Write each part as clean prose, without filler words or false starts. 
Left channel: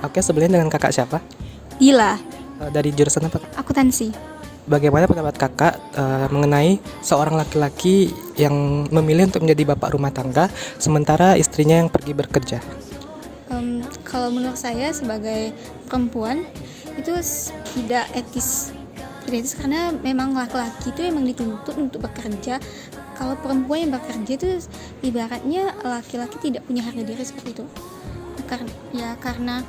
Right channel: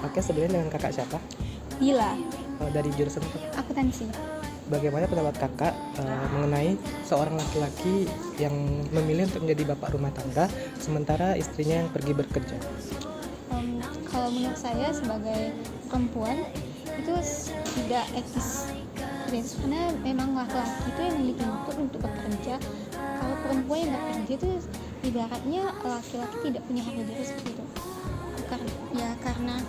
Oke, sebelumnya dengan kakak siapa? Gila, Dari jurusan apa? akuntansi. Bagaimana pendapat kakak mengenai seorang laki-laki yang memilih untuk menjadi bapak rumah tangga sementara istrinya yang pergi bekerja? Kalau menurut saya sebagai perempuan itu tidak etis. Tidak etis karena memang laki-laki itu memang dituntut untuk bekerja. Kalau perempuan yang bekerja itu ibaratnya laki-laki tidak punya harga diri seperti itu. Karena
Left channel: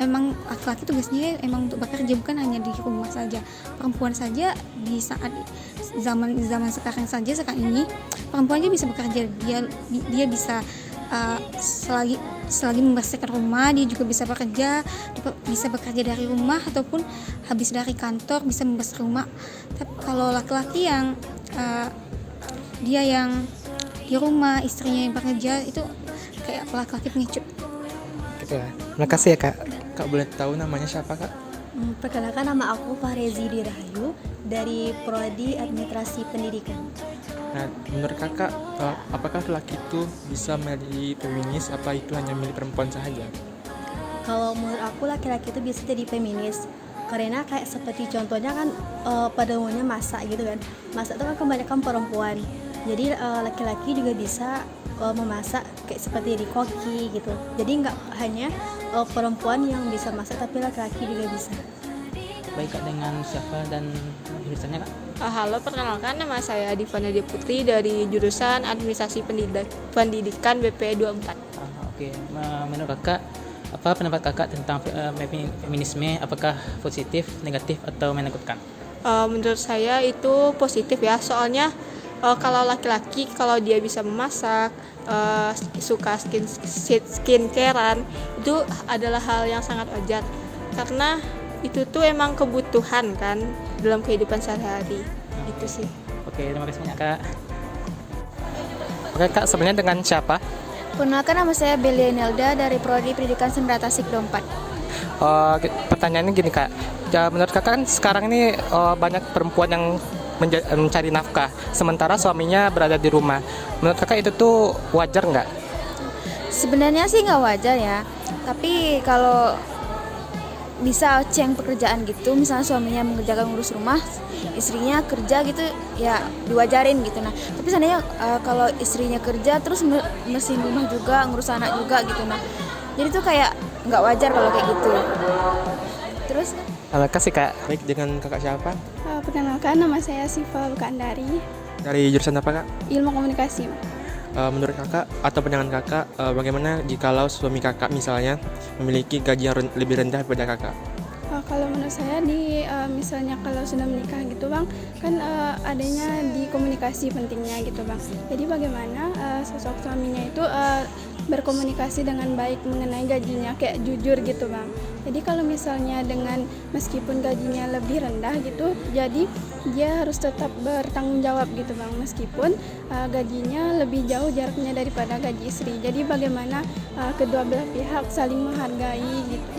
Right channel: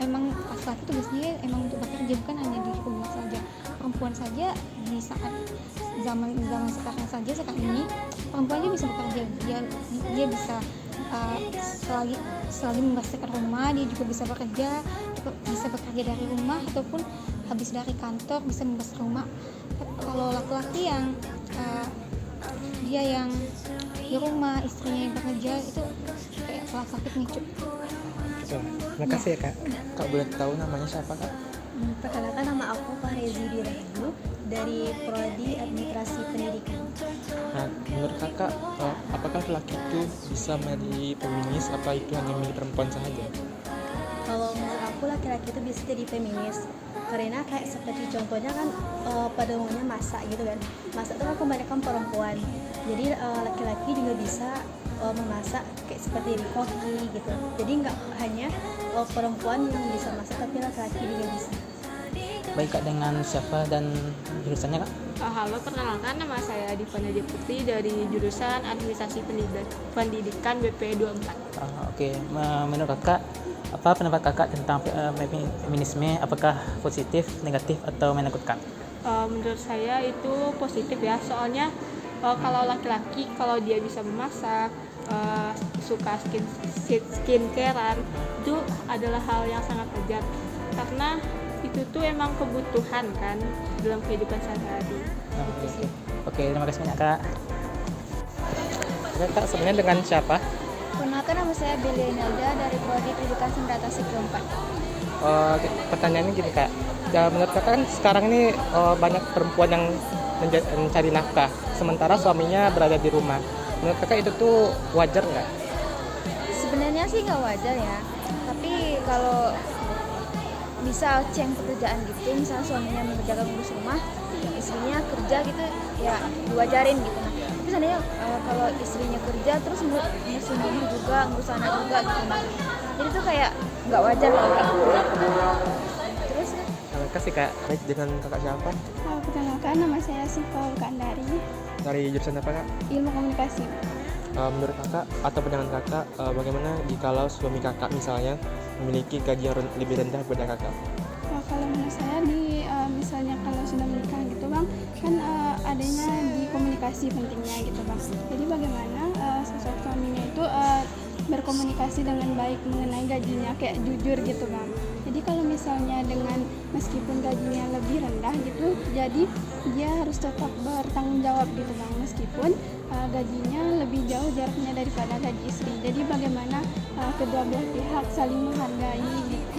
emang laki-laki tugasnya emang untuk bekerja, bukan hanya di rumah saja. Perempuan saja di saat zaman sekarang ini perempuan aja bisa bekerja. Dia bisa selagi membersihkan rumah, dia juga bisa bekerja dari rumah ataupun habis dari kantor bisa membersihkan rumah. Tapi kalau laki-laki yang dia yang di rumah, istrinya yang bekerja, itu kayak laki-laki pengecut. Gitu. Terima kasih ya kak. Kak boleh tahu namanya siapa kak? Perkenalkan, nama aku Fahrezi Dirahayu dari Prodi Administrasi Pendidikan. Nah, menurut kakak, apakah laki itu bisa menjadi feminis apa itu hanya milik perempuan saja? Kalau menurut aku laki-laki itu bisa jadi feminis karena kayak seperti contohnya kan pada umumnya masak gitu kan. Masak itu kan kebanyakan perempuan. Jadi laki-laki juga bisa memasak kayak seperti di koki gitu. Jadi nggak hanya perempuan yang bisa masak tapi laki-laki juga bisa. Baik kak, dengan siapa dan jurusannya kak? Halo, perkenalkan nama saya Diva Nadia Putri dari jurusan Administrasi Pendidikan BP 24. Oke. Menurut kakak, apa pendapat kakak tentang feminisme? Apakah positif, negatif, atau menakutkan? Menurut saya itu positif ya, soalnya kalau laki-laki kalau dia bisa memasak, suka skincarean, itu adalah hal yang sangat wajar karena itu tuh emang kebutuhan kan dalam kehidupan sehari-hari. Itu sih. Oke, terima kasih banyak kak. Oke kak, sebenarnya dengan siapa? Perkenalkan, nama saya Belia Nelda dari Prodi Pendidikan Semberatasi 4. Pertanyaannya gini kak, menurut kakak kan sekarang ini banyak perempuan yang mencari nafkah sementara suaminya berada di rumah. Menurut kakak itu tuh wajar nggak? Sebenarnya sih nggak wajar ya, tapi kalau bisa ceng pekerjaan gitu, misalnya suaminya mengerjakan ngurus rumah, istrinya kerja gitu, ya diwajarin gitu. Nah, tapi sebenarnya kalau istrinya kerja terus ngurusin rumah juga, ngurus anak juga gitu, nah jadi tuh kayak nggak wajar kalau kayak gitu. Terus Kasih kak. Baik, dengan kakak siapa? Perkenalkan, nama saya Siva Wukandari, Dari jurusan apa kak? Ilmu Komunikasi. Menurut kakak atau pandangan kakak, bagaimana jikalau suami kakak misalnya memiliki gaji yang lebih rendah daripada kakak? Kalau menurut saya misalnya kalau sudah menikah gitu bang, kan adanya di komunikasi pentingnya gitu bang. Jadi bagaimana sosok suaminya itu berkomunikasi dengan baik mengenai gajinya, kayak jujur gitu bang. Jadi kalau misalnya dengan meskipun gajinya lebih rendah gitu, jadi dia harus tetap bertanggung jawab gitu bang, meskipun gajinya lebih jauh jaraknya daripada gaji istri. Jadi bagaimana kedua belah pihak saling menghargai gitu.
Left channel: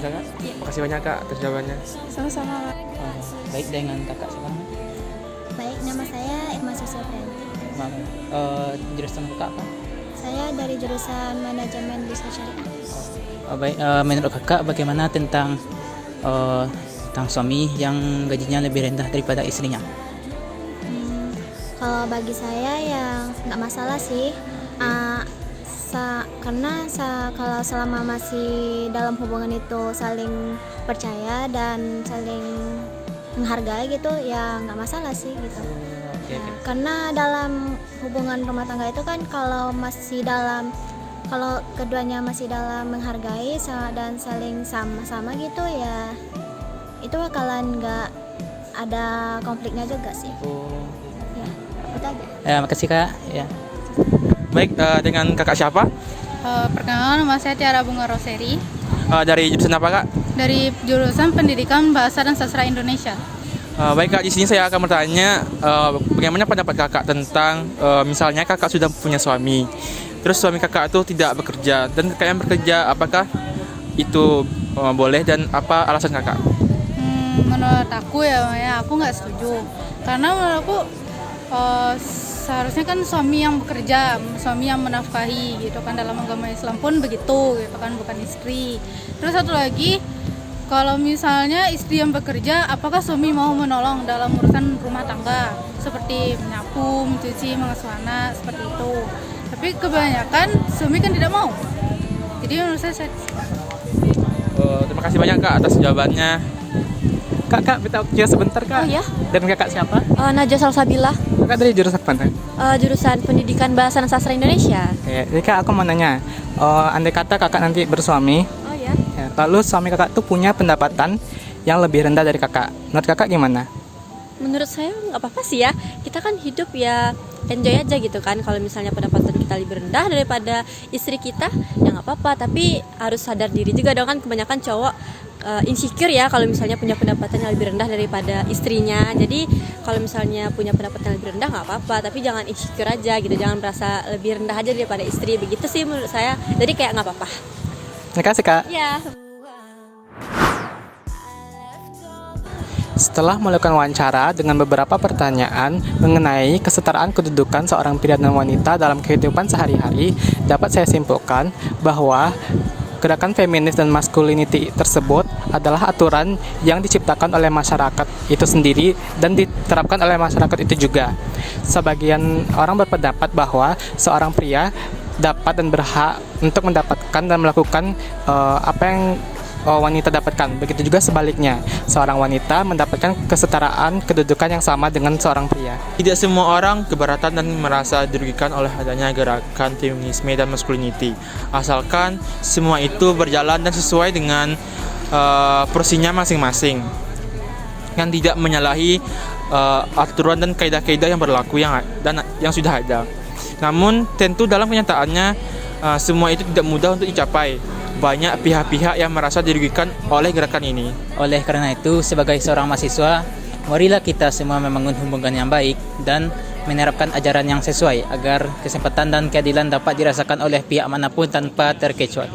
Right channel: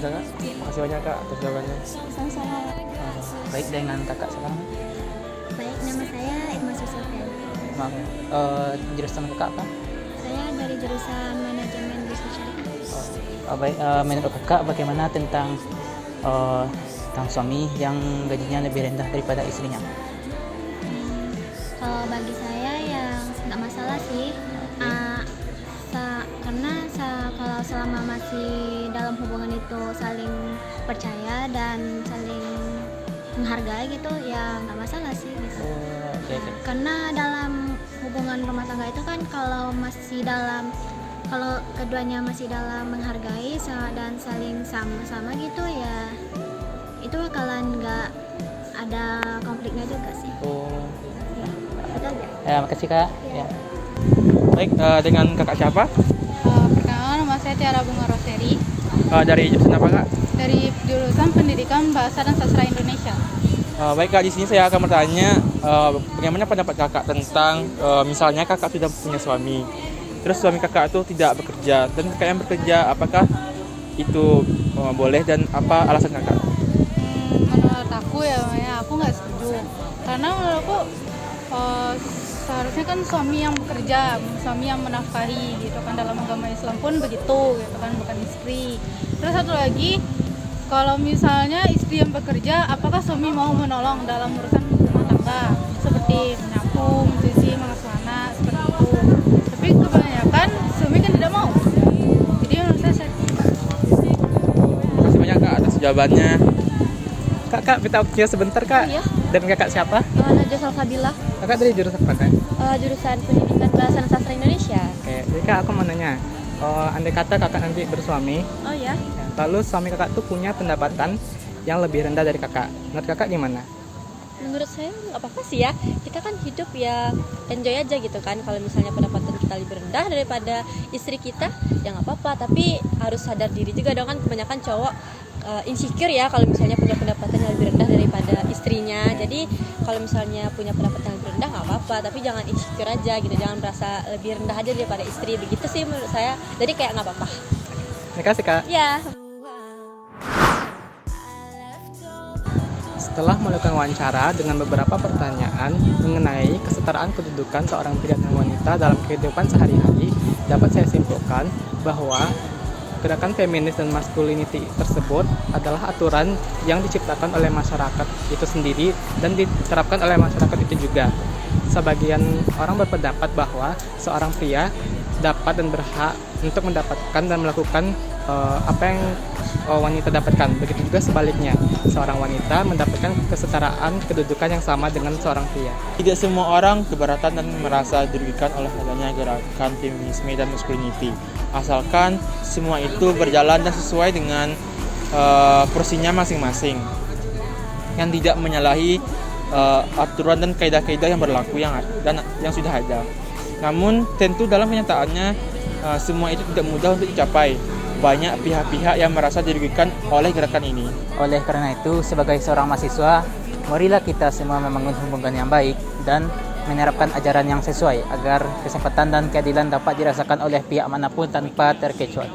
Terima kasih banyak kak atas jawabannya. Sama-sama. Baik, dengan kakak sekarang. Baik, nama saya Irma Susofian. Maaf, jurusan kakak apa? Saya dari jurusan Manajemen Bisnis Syariah. Baik, menurut kakak bagaimana tentang suami yang gajinya lebih rendah daripada istrinya? Kalau bagi saya yang nggak masalah sih, karena kalau selama masih dalam hubungan itu saling percaya dan saling menghargai gitu, ya nggak masalah sih gitu. Oke. Karena dalam hubungan rumah tangga itu kan kalau keduanya masih dalam menghargai dan saling sama-sama gitu, ya itu bakalan nggak ada konfliknya juga sih. Makasih kak. Ya. Baik, dengan kakak siapa? Perkenalkan, nama saya Tiara Bunga Roseri Dari jurusan apa kak? dari jurusan Pendidikan Bahasa dan Sastra Indonesia. Baik kak, di sini saya akan bertanya bagaimana pendapat kakak tentang misalnya kakak sudah punya suami, terus suami kakak itu tidak bekerja dan kakak yang bekerja, apakah itu boleh dan apa alasan kakak? Menurut aku ya aku nggak setuju karena menurut aku seharusnya kan suami yang bekerja, suami yang menafkahi gitu kan, dalam agama Islam pun begitu gitu kan, bukan istri. istri. Terus satu lagi, kalau misalnya istri yang bekerja, apakah suami mau menolong dalam urusan rumah tangga seperti menyapu, mencuci, mengasuh anak seperti itu. Tapi kebanyakan suami kan tidak mau. Jadi menurut saya Terima kasih banyak Kak atas jawabannya. Kak, kita cue sebentar Kak. Oh iya. Dan kakak siapa? Najwa Salsabila, Kakak dari jurusan mana? jurusan Pendidikan Bahasa dan Sastra Indonesia. Kayak, jadi Kak aku mau nanya, andai kata kakak nanti bersuami, Oh ya. ya, lalu suami kakak tuh punya pendapatan yang lebih rendah dari kakak. Menurut kakak gimana? Menurut saya nggak apa-apa sih ya, kita kan hidup ya enjoy aja gitu kan. Kalau misalnya pendapatan kita lebih rendah daripada istri kita, ya nggak apa-apa. Tapi harus sadar diri juga dong, kan kebanyakan cowok insecure ya kalau misalnya punya pendapatan yang lebih rendah daripada istrinya. Jadi kalau misalnya punya pendapatan yang lebih rendah nggak apa-apa, tapi jangan insecure aja gitu, jangan merasa lebih rendah aja daripada istri, begitu sih menurut saya. Jadi kayak nggak apa-apa. Terima kasih Kak. Ya. Setelah melakukan wawancara dengan beberapa pertanyaan mengenai kesetaraan kedudukan seorang pria dan wanita dalam kehidupan sehari-hari, dapat saya simpulkan bahwa gerakan feminis dan masculinity tersebut adalah aturan yang diciptakan oleh masyarakat itu sendiri dan diterapkan oleh masyarakat itu juga. Sebagian orang berpendapat bahwa seorang pria dapat dan berhak untuk mendapatkan dan melakukan apa yang wanita dapatkan. Begitu juga sebaliknya, seorang wanita mendapatkan kesetaraan kedudukan yang sama dengan seorang pria. Tidak semua orang keberatan dan merasa dirugikan oleh adanya gerakan feminisme dan masculinity, asalkan semua itu berjalan dan sesuai dengan porsinya masing-masing, yang tidak menyalahi aturan dan kaidah-kaidah yang berlaku yang sudah ada. Namun tentu dalam kenyataannya semua itu tidak mudah untuk dicapai. Banyak pihak-pihak yang merasa dirugikan oleh gerakan ini. Oleh karena itu, sebagai seorang mahasiswa, marilah kita semua membangun hubungan yang baik dan menerapkan ajaran yang sesuai agar kesempatan dan keadilan dapat dirasakan oleh pihak manapun tanpa terkecuali.